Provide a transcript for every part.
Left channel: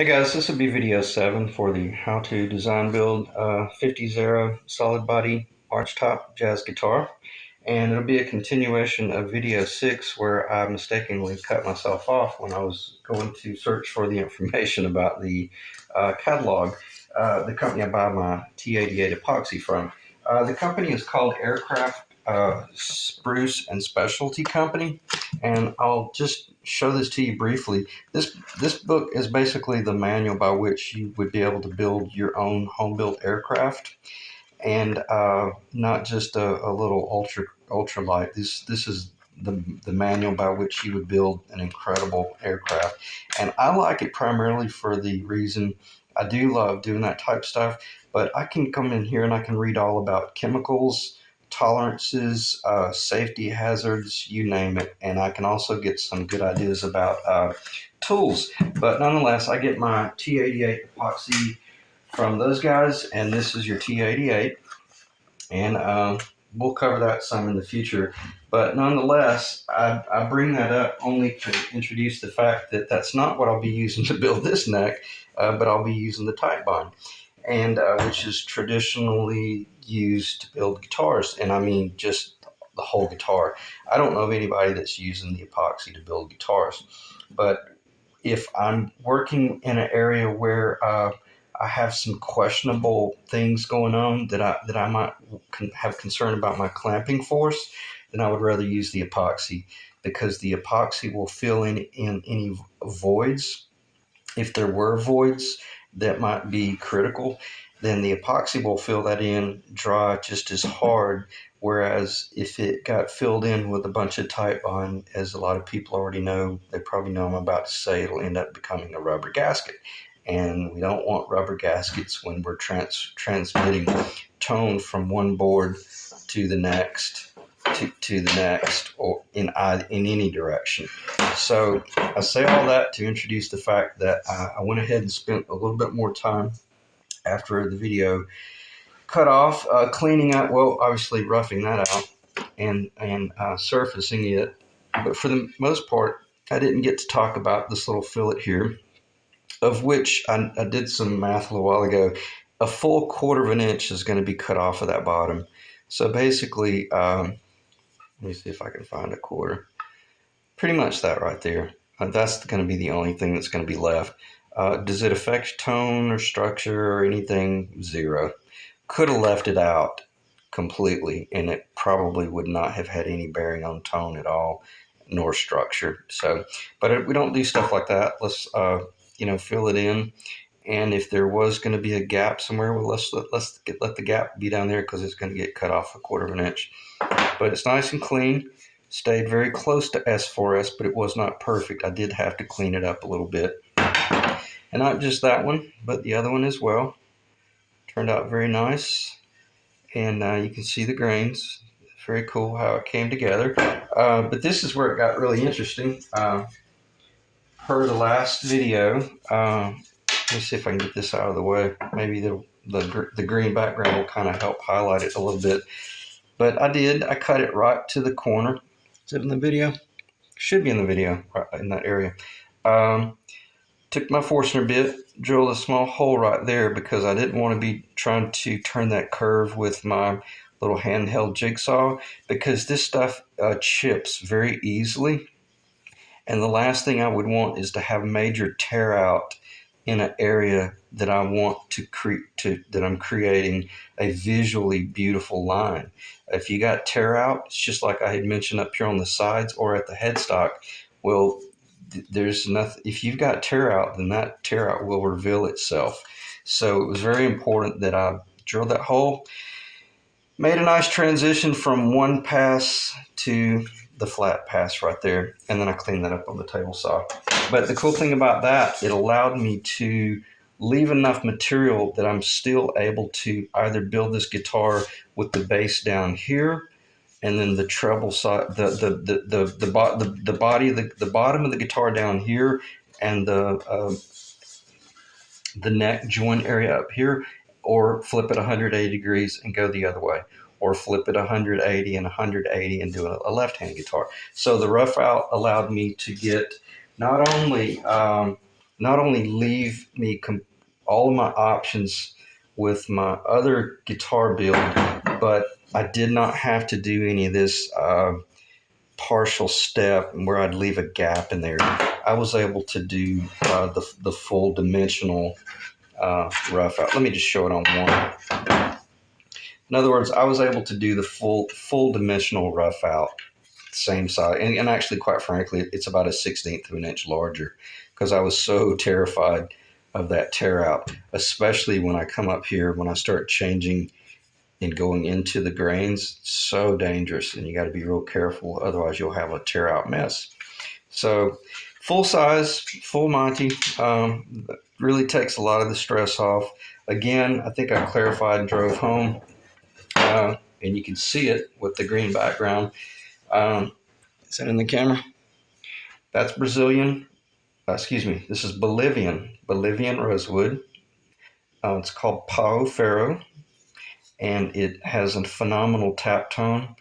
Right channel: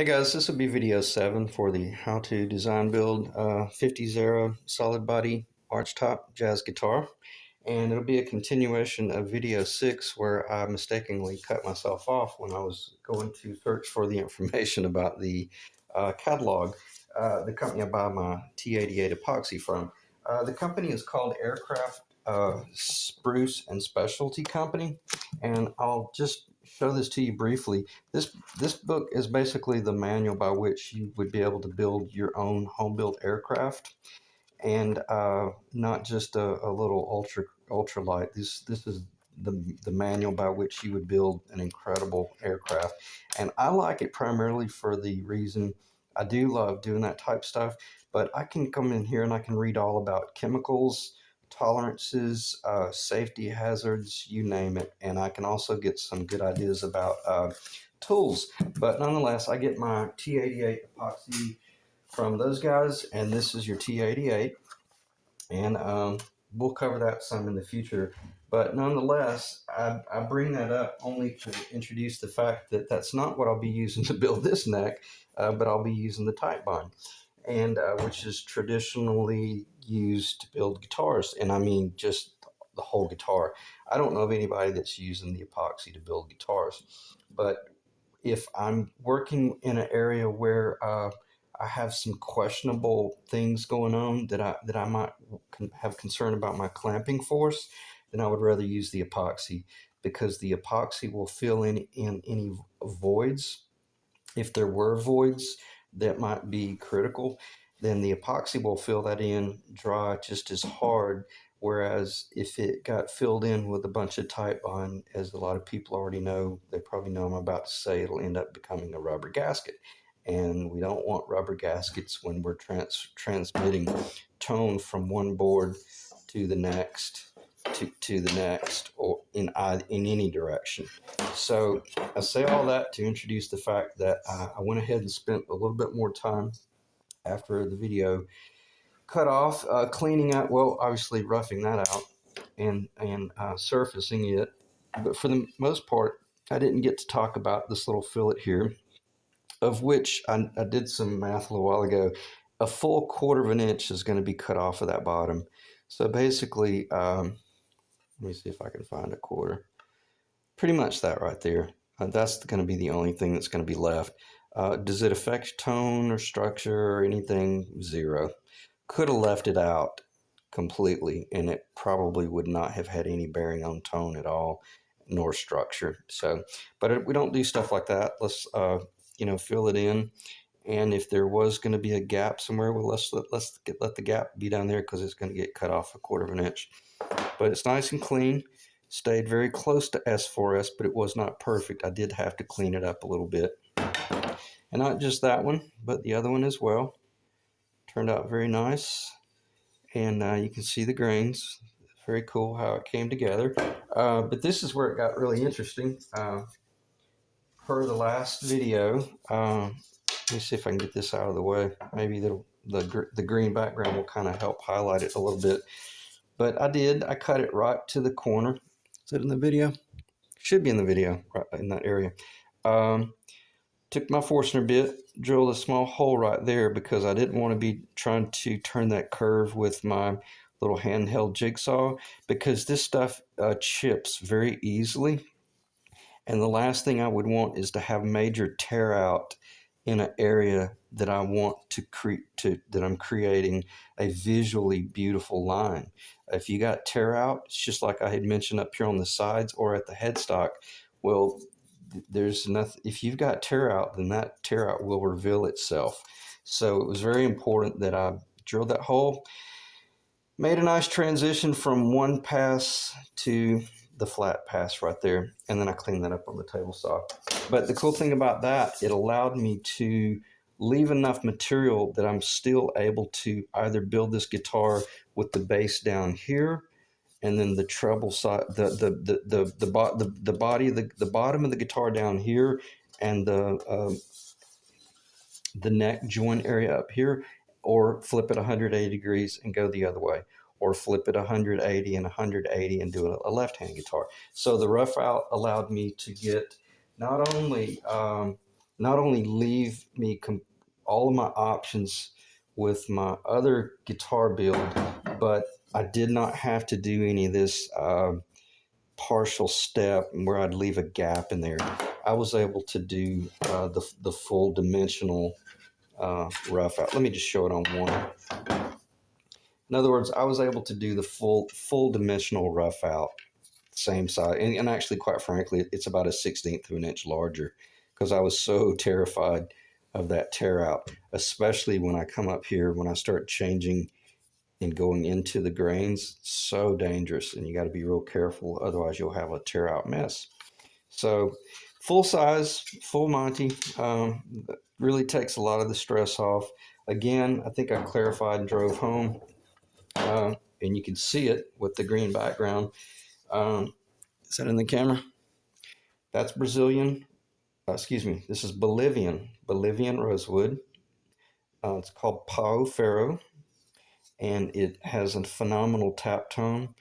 Hey guys, this will be video 7 for the how to design build 50's era solid body arch top jazz guitar. And it'll be a continuation of video 6 where I mistakenly cut myself off when I was going to search for the information about the catalog, the company I buy my T88 epoxy from. The company is called Aircraft Spruce and Specialty Company, and I'll just show this to you briefly. This book is basically the manual by which you would be able to build your own home-built aircraft, and not just a little ultralight. This is the manual by which you would build an incredible aircraft, and I like it primarily for the reason I do love doing that type of stuff. But I can come in here and I can read all about chemicals, tolerances, safety hazards, you name it, and I can also get some good ideas about tools. But nonetheless, I get my T88 epoxy from those guys, and this is your T88, and we'll cover that some in the future. But nonetheless, I bring that up only to introduce the fact that that's not what I'll be using to build this neck, but I'll be using the tight bond, and which is traditionally used to build guitars, and I mean just the whole guitar. I don't know of anybody that's using the epoxy to build guitars, but if I'm working in an area where I have some questionable things going on that I might have concern about my clamping force, then I would rather use the epoxy, because the epoxy will fill in any voids. If there were voids that might be critical, then the epoxy will fill that in dry just as hard. Whereas if it got filled in with a bunch of tight bond, as a lot of people already know, they probably know I'm about to say, it'll end up becoming a rubber gasket. And we don't want rubber gaskets when we're transmitting tone from one board to the next, to the next, or in any direction. So I say all that to introduce the fact that I went ahead and spent a little bit more time after the video cut off, cleaning up, well, obviously roughing that out and surfacing it. But for the most part, I didn't get to talk about this little fillet here, of which I did some math a little while ago. A full 1/4 of an inch is going to be cut off of that bottom. So basically, let me see if I can find a 1/4. Pretty much that right there. That's going to be the only thing that's going to be left. Does it affect tone or structure or anything? Zero. Could have left it out completely, and it probably would not have had any bearing on tone at all, nor structure. So, but we don't do stuff like that. Let's fill it in, and if there was going to be a gap somewhere, well, let the gap be down there, because it's going to get cut off a 1/4 of an inch. But it's nice and clean. Stayed very close to S4S, but it was not perfect. I did have to clean it up a little bit, and not just that one, but the other one as well. Turned out very nice, and you can see the grains. Very cool how it came together. But this is where it got really interesting. Per the last video, let me see if I can get this out of the way. Maybe the green background will kind of help highlight it a little bit. But I cut it right to the corner. Is it in the video? Should be in the video, right in that area. Took my Forstner bit, drilled a small hole right there, because I didn't want to be trying to turn that curve with my little handheld jigsaw, because this stuff chips very easily. And the last thing I would want is to have major tear out in an area that I want that I'm creating a visually beautiful line. If you got tear out, it's just like I had mentioned up here on the sides or at the headstock. Well, there's nothing. If you've got tear out, then that tear out will reveal itself. So it was very important that I drilled that hole, made a nice transition from one pass to the flat pass right there, and then I cleaned that up on the table saw. But the cool thing about that, it allowed me to leave enough material that I'm still able to either build this guitar with the bass down here, and then the treble side, the bottom of the guitar down here, and the neck joint area up here, or flip it 180 degrees and go the other way, or flip it 180 and 180 and do a left-hand guitar. So the rough out allowed me to get not only not only leave me all of my options with my other guitar build, but I did not have to do any of this partial step where I'd leave a gap in there. I was able to do the full dimensional rough out. Let me just show it on one. In other words, I was able to do the full dimensional rough out, same size, and actually, quite frankly, it's about a 1/16 of an inch larger because I was so terrified of that tear out, especially when I come up here when I start changing and going into the grains. So dangerous, and you got to be real careful, otherwise you'll have a tear out mess. So full size, full Monty, really takes a lot of the stress off. Again, I think I clarified and drove home, and you can see it with the green background. Um, is that in the camera? That's Brazilian. Excuse me. This is Bolivian rosewood. It's called Pau Ferro, and it has a phenomenal tap tone,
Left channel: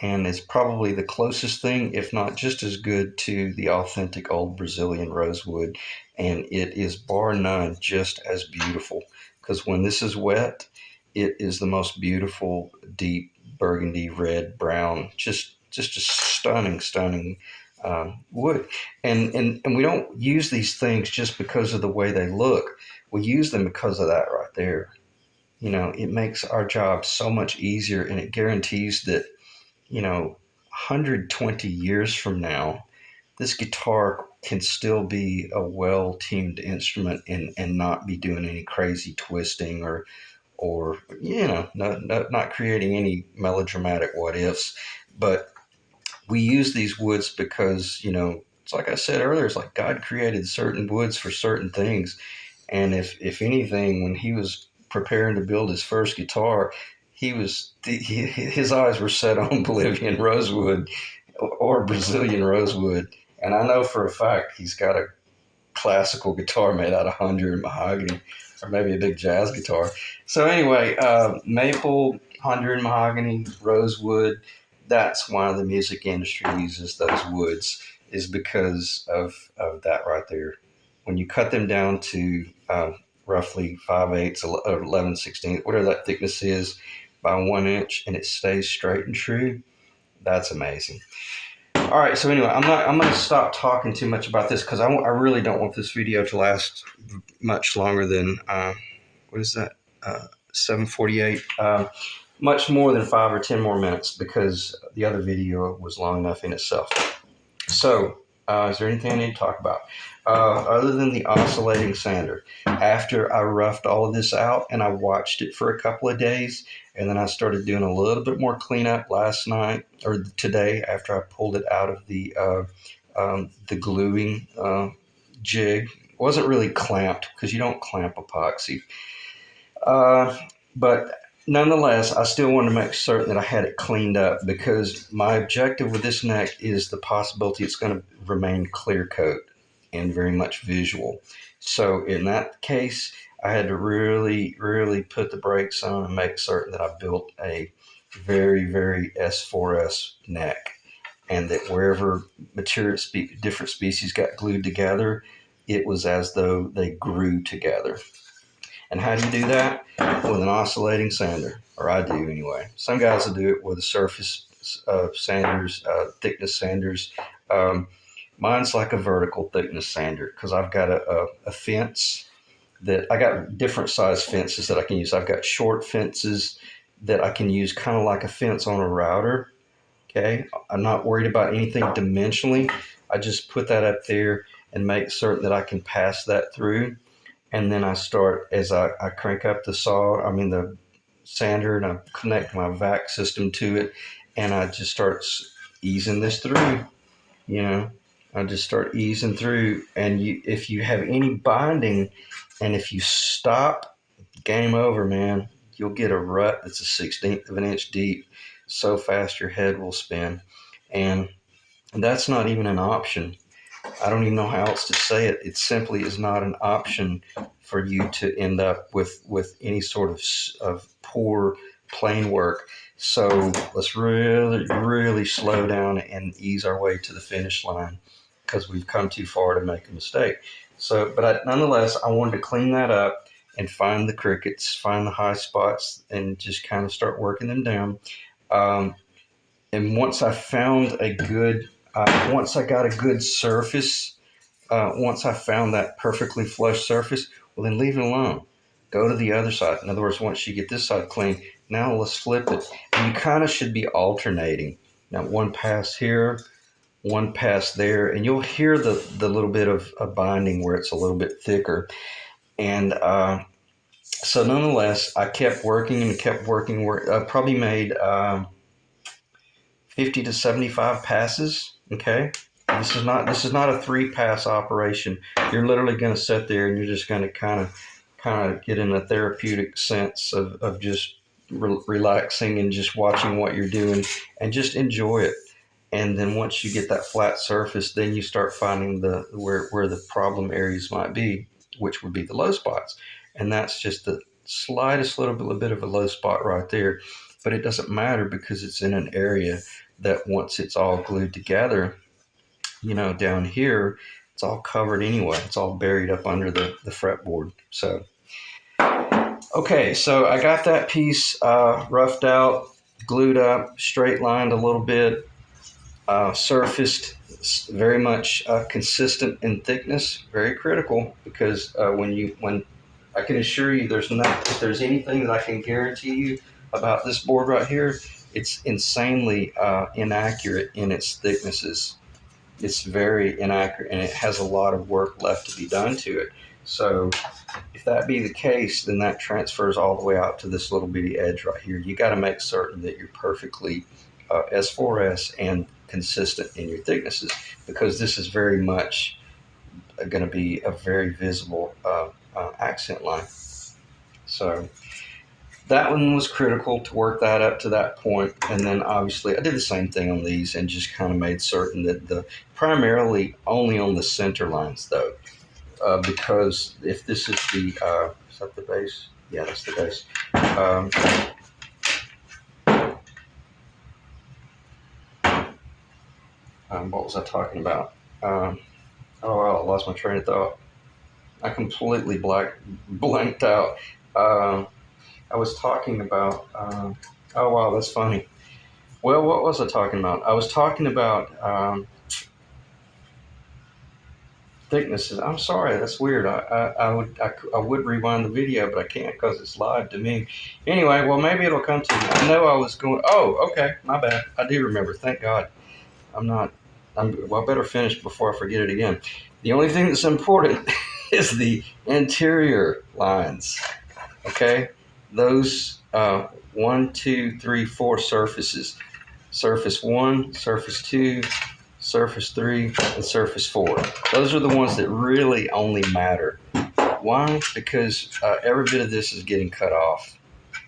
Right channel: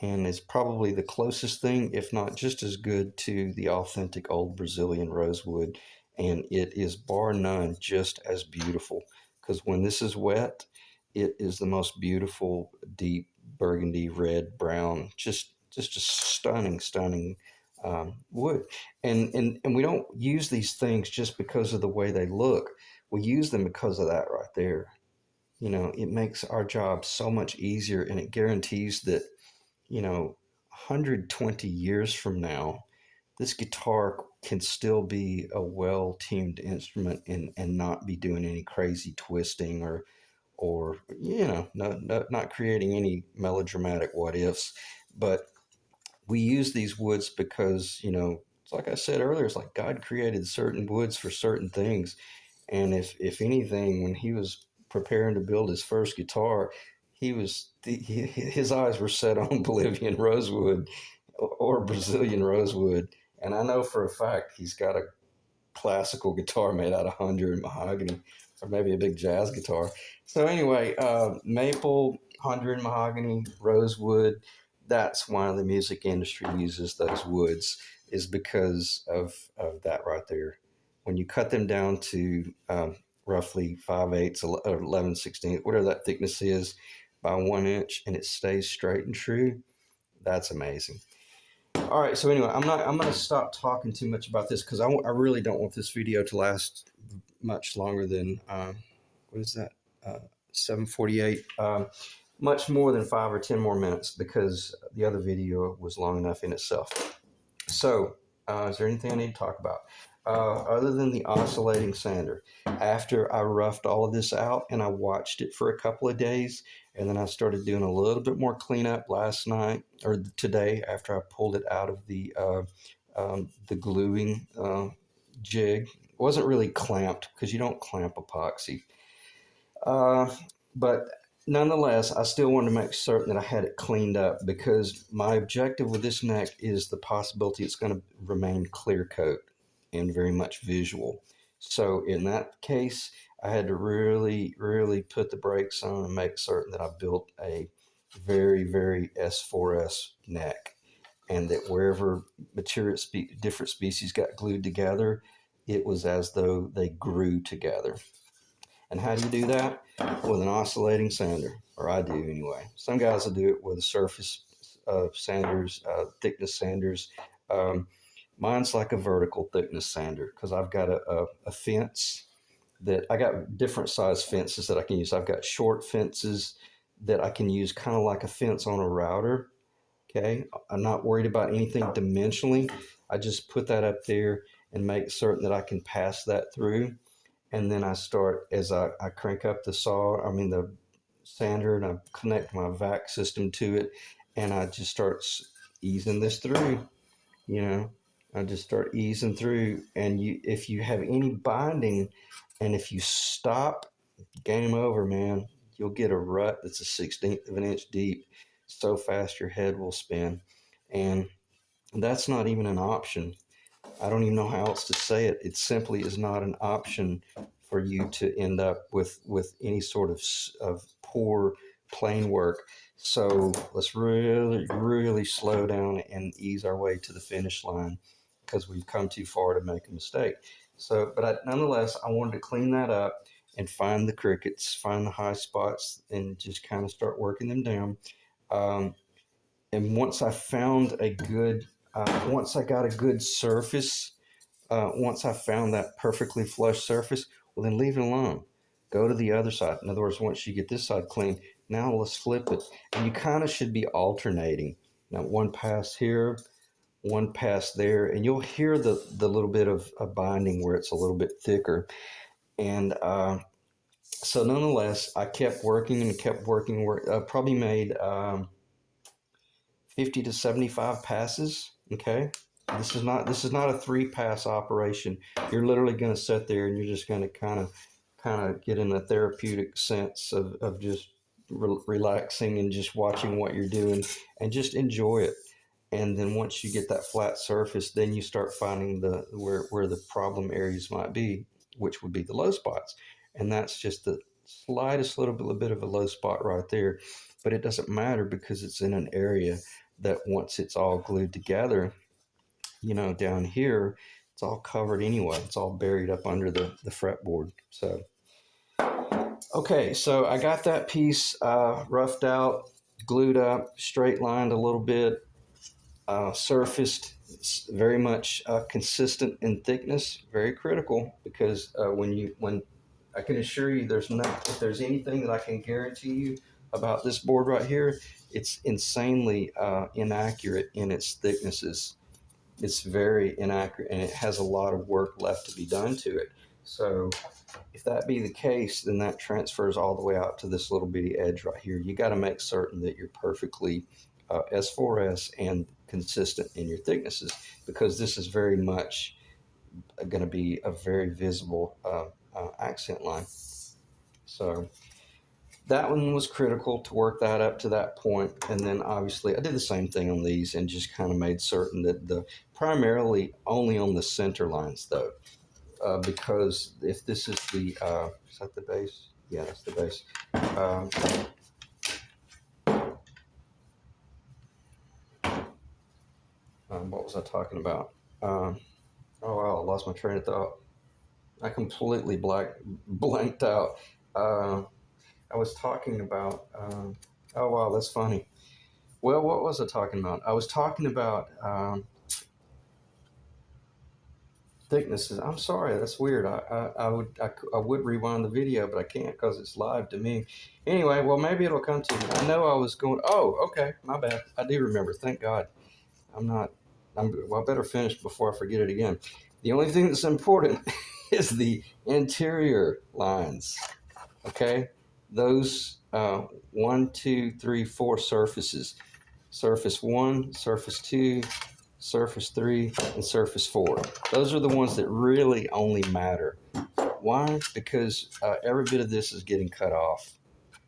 and is probably the closest thing, if not just as good, to the authentic old Brazilian rosewood. And it is bar none just as beautiful because when this is wet, it is the most beautiful, deep burgundy, red, brown, just a stunning wood. And we don't use these things just because of the way they look. We use them because of that right there. It makes our job so much easier, and it guarantees that 120 years from now, this guitar can still be a well tuned instrument and not be doing any crazy twisting or not creating any melodramatic what ifs. But we use these woods because, it's like I said earlier, it's like God created certain woods for certain things. And if anything, when he was preparing to build his first guitar, his eyes were set on Bolivian rosewood or Brazilian rosewood. And I know for a fact he's got a classical guitar made out of Honduran mahogany, or maybe a big jazz guitar. So anyway, maple, Honduran mahogany, rosewood. That's why the music industry uses those woods, is because of that right there. When you cut them down to roughly 5/8, 11/16, whatever that thickness is, by 1 inch, and it stays straight and true, that's amazing. All right, so anyway, I'm going to stop talking too much about this because I really don't want this video to last much longer than what is that 7:48, much more than 5 or 10 more minutes, because the other video was long enough in itself. So is there anything I need to talk about other than the oscillating sander? After I roughed all of this out and I watched it for a couple of days, and then I started doing a little bit more cleanup last night or today after I pulled it out of the gluing jig. It wasn't really clamped because you don't clamp epoxy. But nonetheless, I still wanted to make certain that I had it cleaned up, because my objective with this neck is the possibility it's going to remain clear coat and very much visual. So in that case, I had to really put the brakes on and make certain that I built a very S4S neck, and that wherever different species got glued together, it was as though they grew together. And how do you do that? With an oscillating sander, or I do anyway. Some guys will do it with a surface sanders, thickness sanders. Mine's like a vertical thickness sander because I've got a fence that I got different size fences that I can use. I've got short fences that I can use kind of like a fence on a router. Okay, I'm not worried about anything dimensionally. I just put that up there and make certain that I can pass that through. And then I start, as I crank up the the sander, and I connect my vac system to it, and I just start easing this through. You know, I just start easing through, and if you have any binding, and if you stop, game over, man. You'll get a rut that's a 1/16 of an inch deep, so fast your head will spin, and that's not even an option. I don't even know how else to say it. It simply is not an option for you to end up with any sort of poor plane work. So let's really slow down and ease our way to the finish line, because we've come too far to make a mistake. So, but nonetheless, I wanted to clean that up and find the crickets, find the high spots, and just kind of start working them down. Um, and once I found a good, once I got a good surface, once I found that perfectly flush surface, well, then leave it alone. Go to the other side. In other words, once you get this side clean, now let's flip it. And you kind of should be alternating. Now, one pass here, one pass there, and you'll hear the little bit of binding where it's a little bit thicker. And so, nonetheless, I kept working and kept working. I probably made 50 to 75 passes. Okay, this is not a 3-pass operation. You're literally going to sit there and you're just going to kind of get in a therapeutic sense of just relaxing and just watching what you're doing and just enjoy it. And then once you get that flat surface, then you start finding the where the problem areas might be, which would be the low spots. And that's just the slightest little bit of a low spot right there. But it doesn't matter because it's in an area that once it's all glued together, down here, it's all covered anyway. It's all buried up under the fretboard. So, okay, so I got that piece roughed out, glued up, straight lined a little bit, surfaced, very much consistent in thickness, very critical because when I can assure you, if there's anything that I can guarantee you about this board right here, it's insanely inaccurate in its thicknesses. It's very inaccurate and it has a lot of work left to be done to it. So if that be the case, then that transfers all the way out to this little bitty edge right here. You got to make certain that you're perfectly S4S and consistent in your thicknesses because this is very much going to be a very visible accent line. So that one was critical to work that up to that point. And then obviously I did the same thing on these and just kind of made certain that primarily only on the center lines though, because if this is is that the base? Yeah, that's the base. What was I talking about? Oh, wow, I lost my train of thought. I completely blanked out. I was talking about. Oh, wow, that's funny. Well, what was I talking about? I was talking about thicknesses. I'm sorry, that's weird. I would rewind the video, but I can't because it's live to me. Anyway, well, maybe it'll come to me. I know I was going. Oh, okay, my bad. I do remember. Thank God. I'm not. Well, I better finish before I forget it again. The only thing that's important is the interior lines. Okay, those 1, 2, 3, 4 surfaces. Surface 1, surface 2, surface 3, and surface 4. Those are the ones that really only matter. Why? Because every bit of this is getting cut off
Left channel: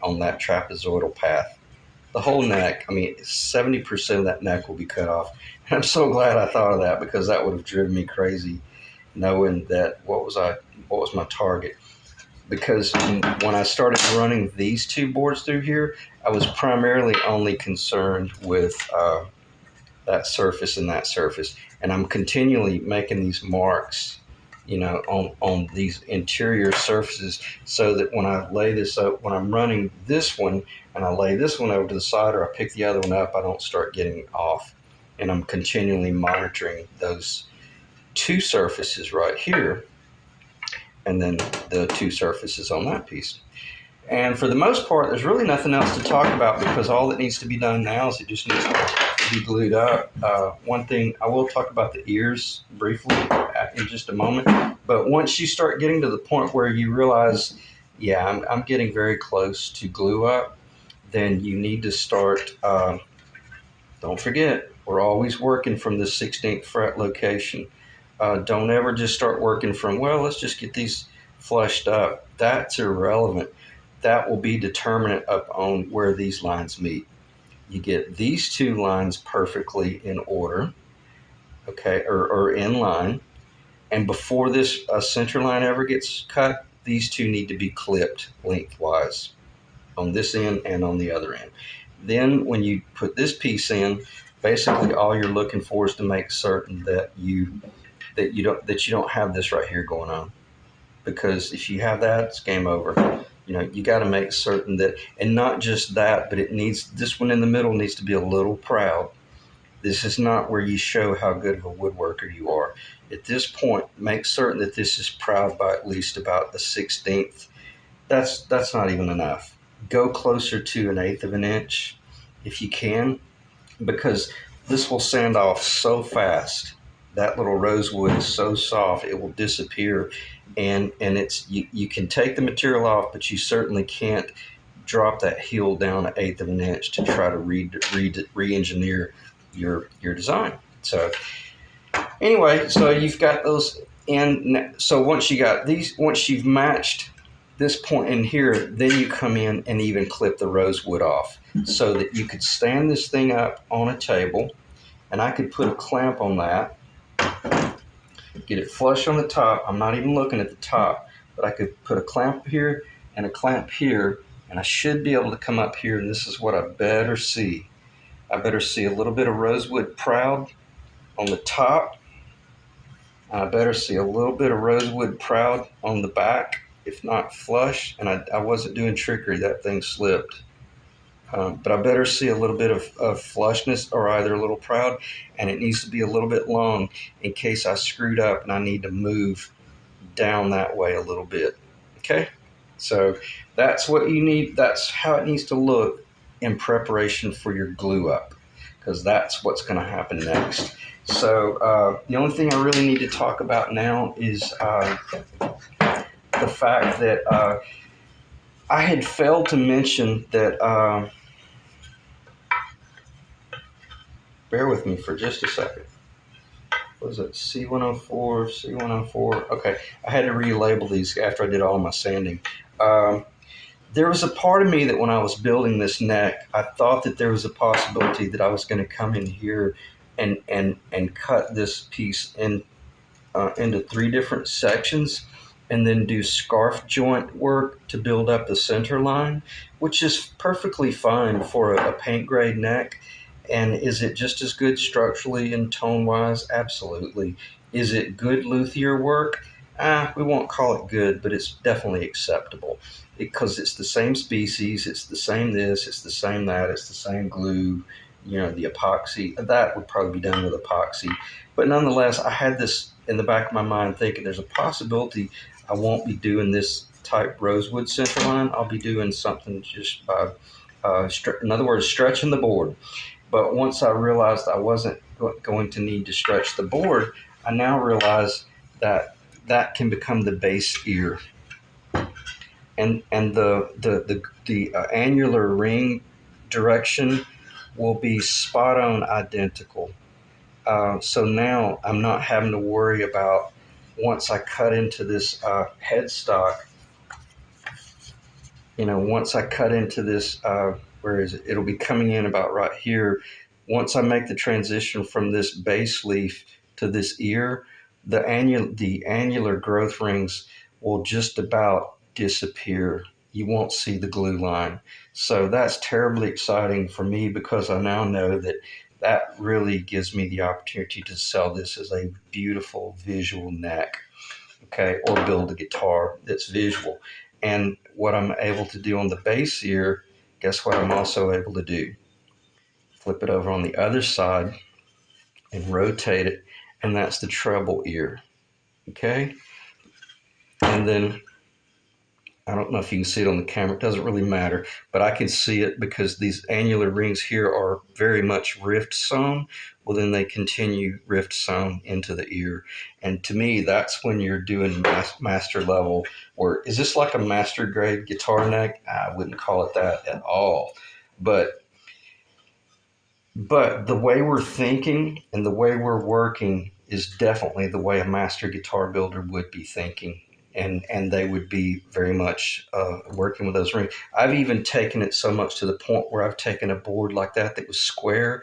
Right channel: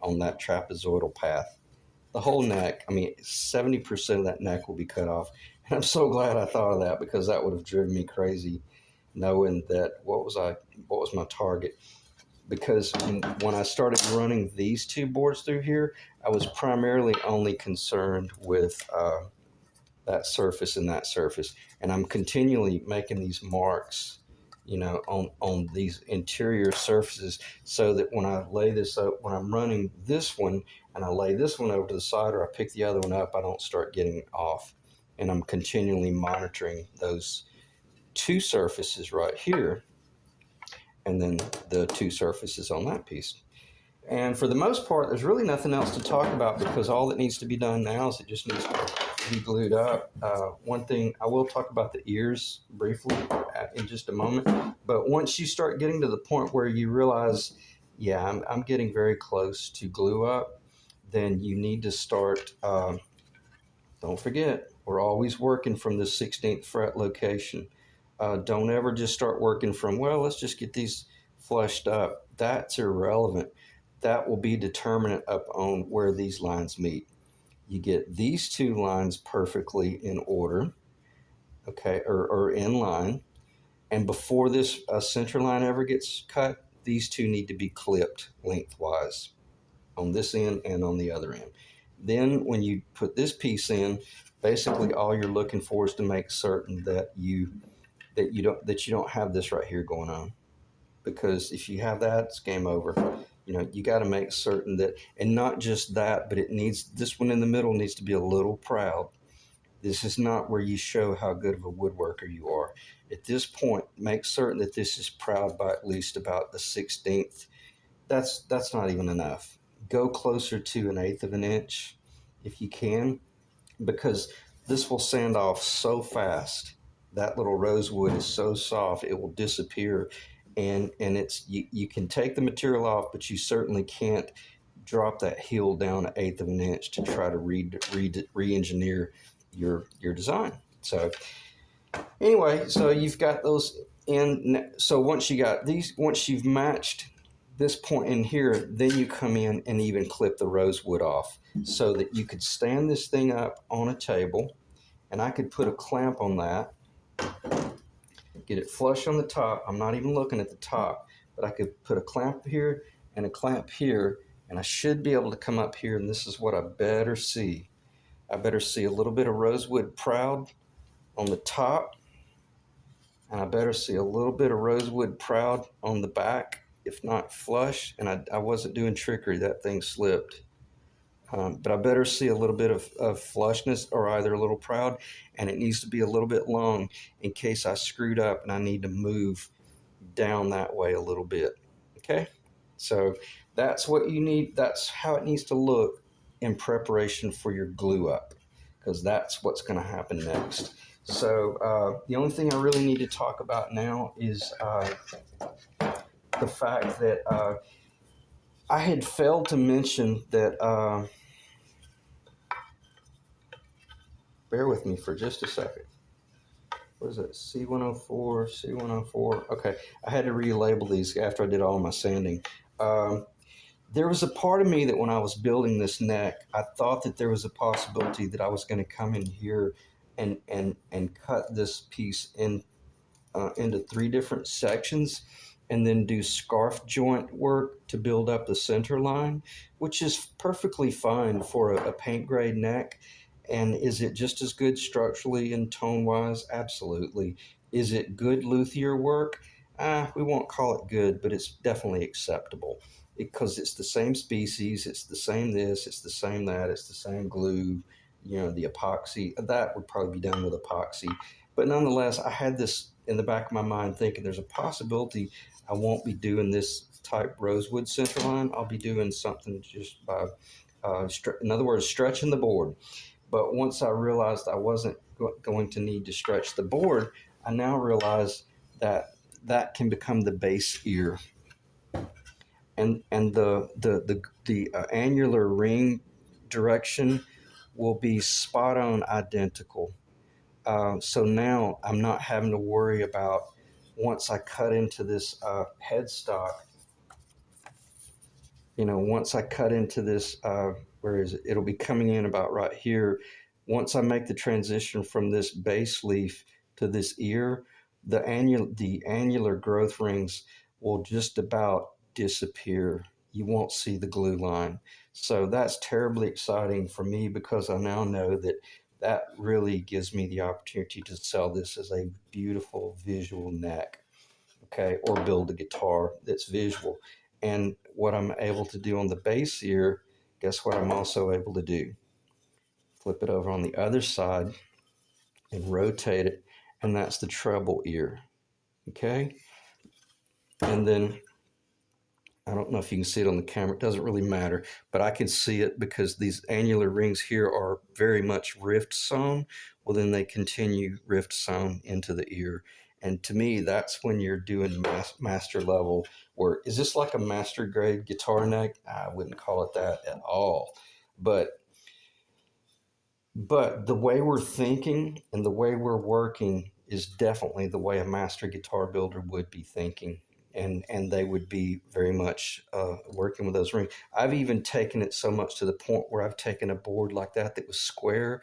on that trapezoidal path. The whole neck, 70% of that neck will be cut off. And I'm so glad I thought of that because that would have driven me crazy knowing that what was my target. Because when I started running these two boards through here, I was primarily only concerned with that surface and that surface. And I'm continually making these marks, on these interior surfaces so that when I lay this up, when I'm running this one and I lay this one over to the side or I pick the other one up, I don't start getting off. And I'm continually monitoring those two surfaces right here and then the two surfaces on that piece. And for the most part, there's really nothing else to talk about because all that needs to be done now is it just needs to be glued up. One thing, I will talk about the ears briefly in just a moment. But once you start getting to the point where you realize, yeah, I'm getting very close to glue up, then you need to start, don't forget, we're always working from the 16th fret location. Don't ever just start working from, well, let's just get these flushed up. That's irrelevant. That will be determinant up on where these lines meet. You get these two lines perfectly in order, okay, or in line. And before this center line ever gets cut, these two need to be clipped lengthwise on this end and on the other end. Then when you put this piece in, basically all you're looking for is to make certain that you that you don't have this right here going on, because if you have that, it's game over. You got to make certain that, and not just that, but it needs, this one in the middle needs to be a little proud. This is not where you show how good of a woodworker you are. At this point, make certain that this is proud by at least about a 16th. That's not even enough. Go closer to an eighth of an inch if you can, because this will sand off so fast. That little rosewood is so soft it will disappear, and you can take the material off, but you certainly can't drop that heel down an eighth of an inch to try to re-engineer your design. So anyway, so you've got those in. So once you've matched this point in here, then you come in and even clip the rosewood off so that you could stand this thing up on a table, and I could put a clamp on that, get it flush on the top. I'm not even looking at the top, but I could put a clamp here and a clamp here, and I should be able to come up here, and this is what I better see. I better see a little bit of rosewood proud on the top, and I better see a little bit of rosewood proud on the back, if not flush. And I wasn't doing trickery, that thing slipped. But I better see a little bit of flushness, or either a little proud, and it needs to be a little bit long in case I screwed up and I need to move down that way a little bit. Okay, so that's what you need. That's how it needs to look in preparation for your glue up, because that's what's going to happen next. So the only thing I really need to talk about now is the fact that I had failed to mention that. Bear with me for just a second. What is it? C104, C104. Okay, I had to relabel these after I did all my sanding. There was a part of me that when I was building this neck, I thought that there was a possibility that I was going to come in here and cut this piece into 3 different sections, and then do scarf joint work to build up the center line, which is perfectly fine for a paint grade neck. And is it just as good structurally and tone wise? Absolutely. Is it good luthier work? We won't call it good, but it's definitely acceptable, because it's the same species, it's the same this, it's the same that, it's the same glue. The epoxy, that would probably be done with epoxy. But nonetheless, I had this in the back of my mind thinking there's a possibility I won't be doing this type rosewood center line. I'll be doing something just in other words, stretching the board. But once I realized I wasn't going to need to stretch the board, I now realize that that can become the base ear, and the annular ring direction will be spot on identical. So now I'm not having to worry about, once I cut into this headstock, once I cut into this, where is it? It'll be coming in about right here. Once I make the transition from this base leaf to this ear, the annular growth rings will just about disappear. You won't see the glue line. So that's terribly exciting for me, because I now know that that really gives me the opportunity to sell this as a beautiful visual neck, okay, or build a guitar that's visual. And what I'm able to do on the base ear, guess what I'm also able to do? Flip it over on the other side and rotate it, and that's the treble ear, okay? And then, I don't know if you can see it on the camera, it doesn't really matter, but I can see it because these annular rings here are very much rift sewn. Well, then they continue rift sewn into the ear. And to me, that's when you're doing master level work. Is this like a master grade guitar neck? I wouldn't call it that at all. But the way we're thinking and the way we're working is definitely the way a master guitar builder would be thinking. And they would be very much working with those rings. I've even taken it so much to the point where I've taken a board like that was square,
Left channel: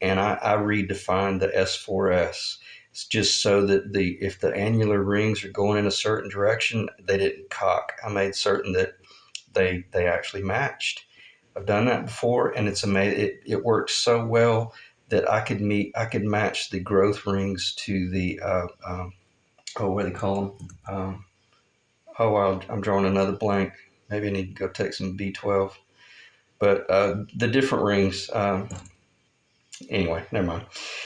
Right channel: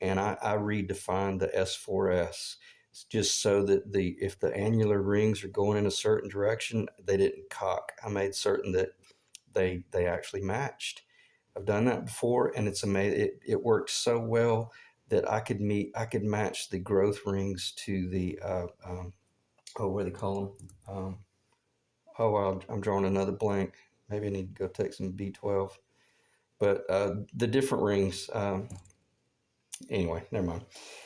and I redefined the S4S. It's just so that if the annular rings are going in a certain direction, they didn't cock. I made certain that they actually matched. I've done that before, and it's amazing. It works so well that I could match the growth rings to the oh, what do they call them? Oh, I'm drawing another blank. Maybe I need to go take some B12. But the different rings. Anyway, never mind.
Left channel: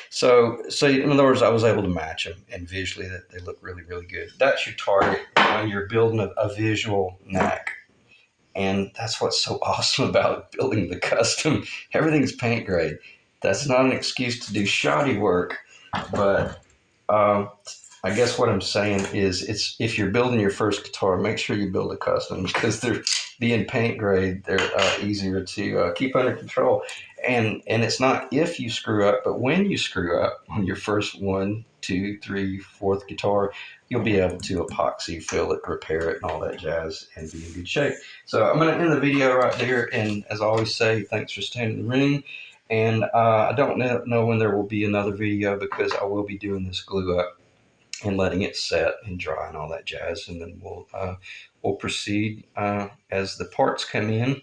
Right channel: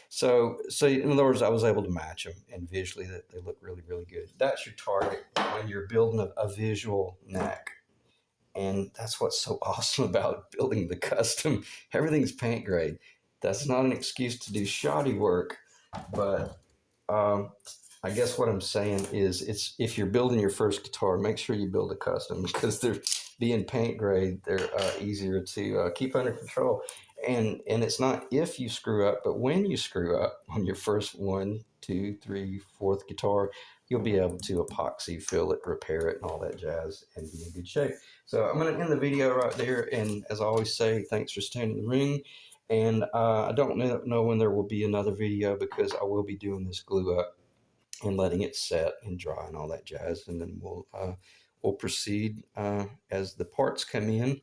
So in other words, I was able to match them, and visually that they look really, really good. That's your target when you're building a visual knack. And that's what's so awesome about building the custom. Everything's paint grade. That's not an excuse to do shoddy work, but uh, I guess what I'm saying is, it's if you're building your first guitar, make sure you build a custom because they're being paint grade. They're easier to keep under control, and it's not if you screw up, but when you screw up on your first one, two, three, fourth guitar, you'll be able to epoxy fill it, repair it, and all that jazz, and be in good shape. So I'm going to end the video right there, and as I always say, thanks for staying in the ring. And I don't know when there will be another video because I will be doing this glue up and letting it set and dry and all that jazz, and then we'll proceed as the parts come in,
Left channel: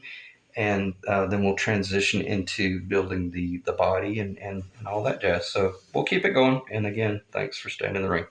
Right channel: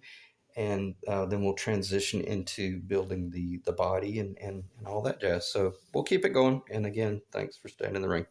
and then we'll transition into building the body and all that jazz. So we'll keep it going. And again, thanks for staying in the ring.